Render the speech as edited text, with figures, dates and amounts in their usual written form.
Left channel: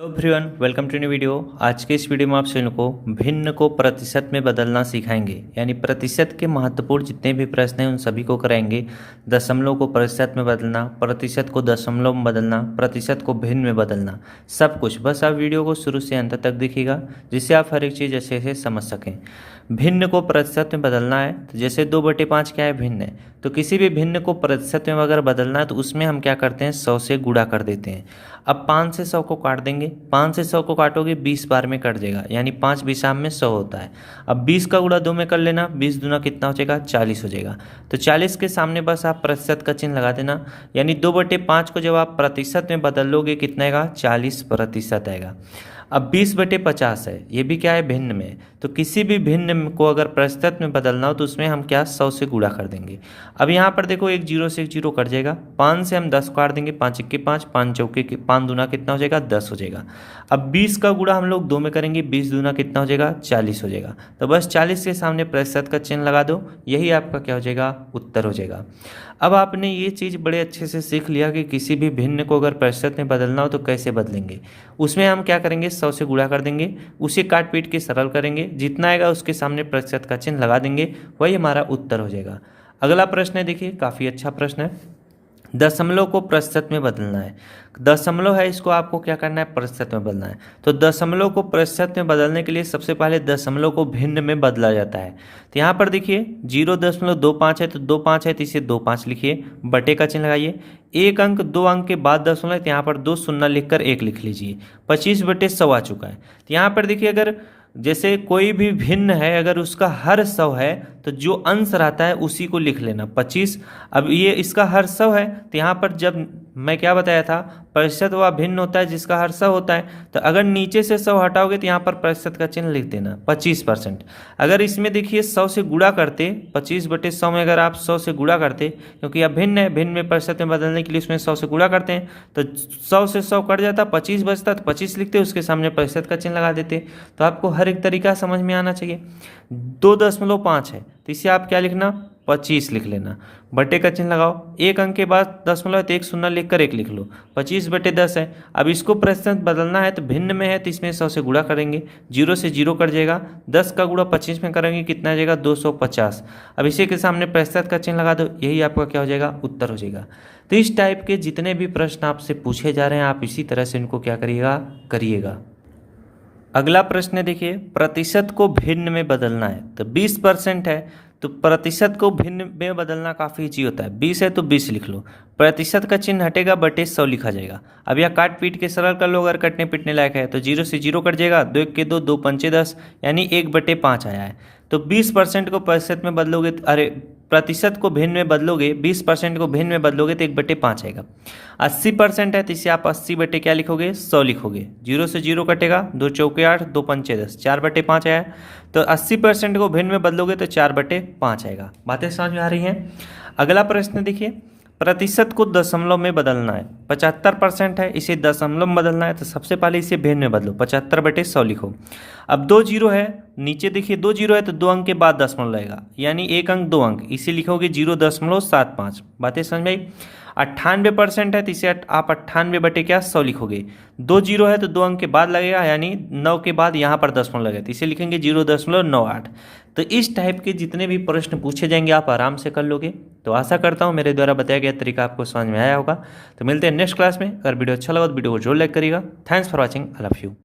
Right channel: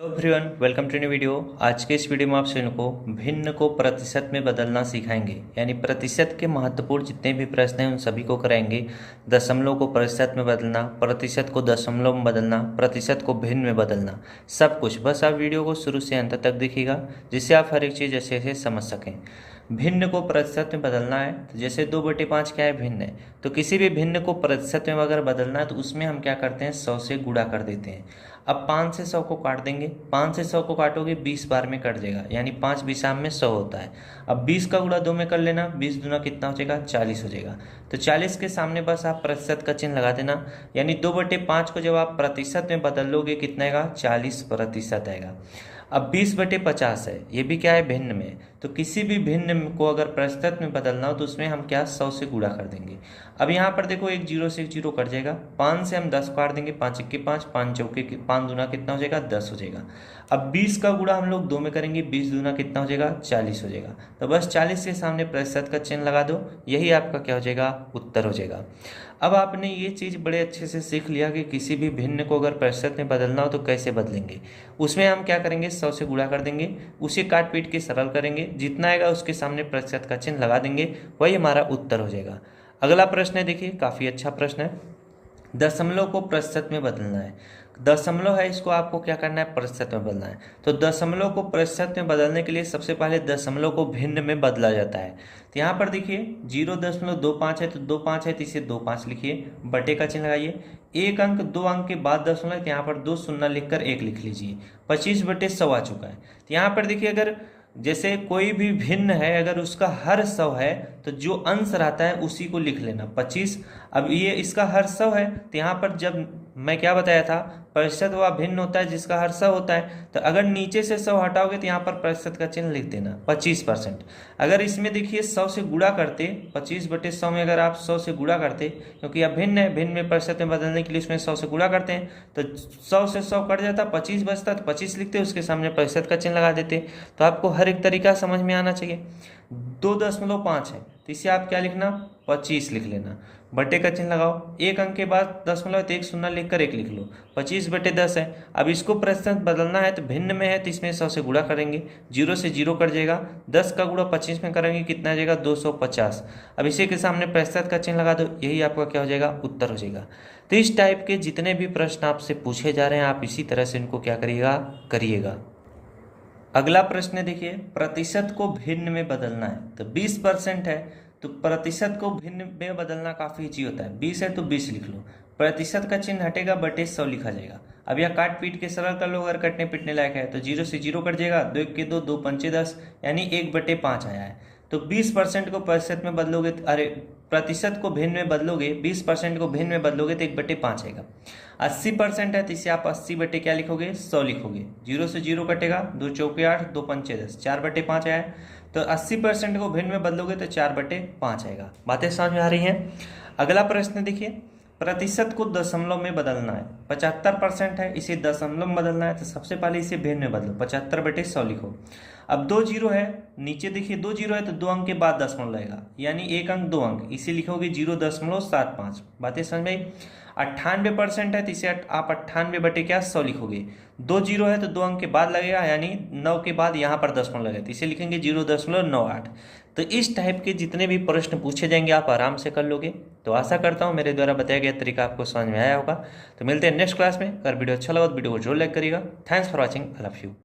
Hello everyone, welcome to new video. आज के इस वीडियो में आप सभी को भिन्न को प्रतिशत में बदलना सिखाएंगे, यानी प्रतिशत के महत्वपूर्ण जितने भी प्रश्न हैं उन सभी को कराएंगे। दशमलव को प्रतिशत में बदलना, प्रतिशत को दशमलव में बदलना, प्रतिशत को भिन्न में बदलना, सब कुछ। बस आप वीडियो को शुरू से अंत तक देखिएगा, जिससे आप हर एक चीज़ अच्छे से समझ सकें। भिन्न को प्रतिशत में बदलना है तो जैसे 2/5 क्या है, भिन्न है। तो किसी भी भिन्न को प्रतिशत में अगर बदलना है तो उसमें हम क्या करते हैं, 100 से गुणा कर देते हैं। अब 5 से 100 को काट देंगे, 5 से 100 को काटोगे 20 बार में कट जाएगा, यानी 5 बिसाम में 100 होता है। अब 20 का गुणा 2 में कर लेना, 20 दूना कितना हो जाएगा, 40 हो जाएगा। तो 40 के सामने बस आप प्रतिशत का चिन्ह लगा देना, यानी 2/5 को जब आप प्रतिशत में बदल लोगे कितना आएगा, 40% आएगा। अब 20/50 है, ये भी क्या है, भिन्न में। तो किसी भी भिन्न को अगर प्रतिशत में बदलना हो तो उसमें हम क्या, 100 से गुणा कर देंगे। अब यहाँ पर देखो, एक जीरो से एक जीरो कट जाएगा, 5 से हम 10 काट देंगे, 5 1 5, 5 चौके 5 दूना कितना हो जाएगा, 10 हो जाएगा। अब 20 का गुणा हम लोग 2 में करेंगे, 20 दूना कितना हो जाएगा, 40 हो जाएगा। तो बस 40 के सामने प्रतिशत का चिन्ह लगा दो, यही आपका क्या हो जाएगा, उत्तर हो जाएगा। अब आपने ये चीज़ बड़े अच्छे से सीख लिया कि किसी भी भिन्न को अगर प्रतिशत में बदलना हो तो कैसे बदलेंगे। उसमें हम क्या करेंगे, 100 से गुणा कर देंगे, उसे काट पीट के सरल करेंगे, जितना आएगा उसके सामने प्रतिशत का चिन्ह लगा देंगे, वही हमारा उत्तर हो जाएगा। अगला प्रश्न है, देखिए काफ़ी अच्छा प्रश्न है। दशमलव को प्रतिशत में बदलना है। दशमलव है, इसको आपको क्या करना है, प्रतिशत में बदलना है। तो दशमलव को प्रतिशत में बदलने के लिए सबसे पहले दशमलव को भिन्न में बदला जाता है। तो यहाँ पर देखिए 0.25 है, तो 25 है तो इसे 25 लिखिए, बटे का चिन्ह लगाइए। एक अंक 2 अंक के बाद दशमलव है तो यहाँ पर 2 शून्य लिखकर 1 लिख लीजिए। 25/100 आ चुका है। तो यहाँ पर देखिए, अगर जैसे कोई भी भिन्न है, अगर उसका हर 100 है तो जो अंश रहता है उसी को लिख लेना, 25। अब ये इसका हर 100 है तो यहाँ पर जब मैं क्या बताया था, प्रतिशत वह भिन्न होता है जिसका हर 100 होता है। तो अगर नीचे से 100 हटाओगे तो यहाँ पर प्रतिशत का चिन्ह लिख देना, 25%। अगर इसमें देखिए 100 से गुणा करते, 25/100 में अगर आप 100 से गुणा करते, क्योंकि अब भिन्न है, भिन्न में प्रतिशत में बदलने के लिए उसमें 100 से गुणा करते हैं, तो 100 से 100 कट जाता, 25 बचता, तो 25 लिखते, उसके सामने प्रतिशत का चिन्ह लगा देते। तो आपको हर एक तरीका समझ में आना चाहिए। 2.5 है तो इसे आप क्या लिखना, 25 लिख लेना, बटे का चिन्ह लगाओ। एक अंक के बाद दशमलव तो 1 शून्य लिखकर 1 लिख लो, 25/10 है। अब इसको प्रतिशत बदलना है तो भिन्न में है तो इसमें 100 से गुणा करेंगे, 0 से 0 कट जाएगा, 10 का गुणा 25 में करेंगे कितना आ जाएगा, 250। अब इसी के सामने प्रतिशत का चिन्ह लगा दो, यही आपका क्या हो जाएगा, उत्तर हो जाएगा। तो इस टाइप के जितने भी प्रश्न आपसे पूछे जा रहे हैं आप इसी तरह से इनको क्या करिएगा। अगला प्रश्न देखिए, प्रतिशत को भिन्न में बदलना है। तो 20% है तो प्रतिशत को भिन्न में बदलना काफ़ी ईजी होता है। 20 है तो 20 लिख लो, प्रतिशत का चिन्ह हटेगा, बटे 100 लिखा जाएगा। अब यह काट पीट के सरल कर लो, अगर कटने पिटने लायक है तो 0 से 0 कट जाएगा, 2 1 के 2, 2 पंचे 10, यानी 1/5 आया है। तो 20% को प्रतिशत में बदलोगे, प्रतिशत को भिन्न में बदलोगे, 20% को भिन्न में बदलोगे तो 1/5 आएगा। 80% है तो इसे आप 80 बटे क्या लिखोगे, 100 लिखोगे, 0 से 0 कटेगा, 2 चौके 8, 2 पंचे 10, 4/5 आया। तो 80% को भिन्न में बदलोगे तो 4/5 आएगा। बातें समझ में आ रही हैं। अगला प्रश्न देखिए, प्रतिशत को दशमलव में बदलना है। 75% है, इसे दशमलव में बदलना है तो सबसे पहले इसे भिन्न में बदलो, 75/100 लिखो। अब 2 जीरो है, नीचे देखिए 2 जीरो है तो 2 अंक के बाद दशमलव लगेगा, यानी 1 अंक 2 अंक, इसे लिखोगे 0.75। बातें समझ में आई। 98% है तो इसे आप 98/100 लिखोगे। 2 जीरो है तो 2 अंक के बाद लगेगा, यानी 9 के बाद यहाँ पर दशमलव लगेगा तो इसे लिखेंगे 0.98। तो इस टाइप के जितने भी प्रश्न पूछे जाएंगे आप आराम से कर लोगे। तो आशा करता हूँ मेरे द्वारा बताया गया तरीका आपको समझ में आया होगा। तो मिलते हैं नेक्स्ट क्लास में। अगर वीडियो अच्छा लगा तो वीडियो को जरूर लाइक करिएगा। Thanks for watching, I love you.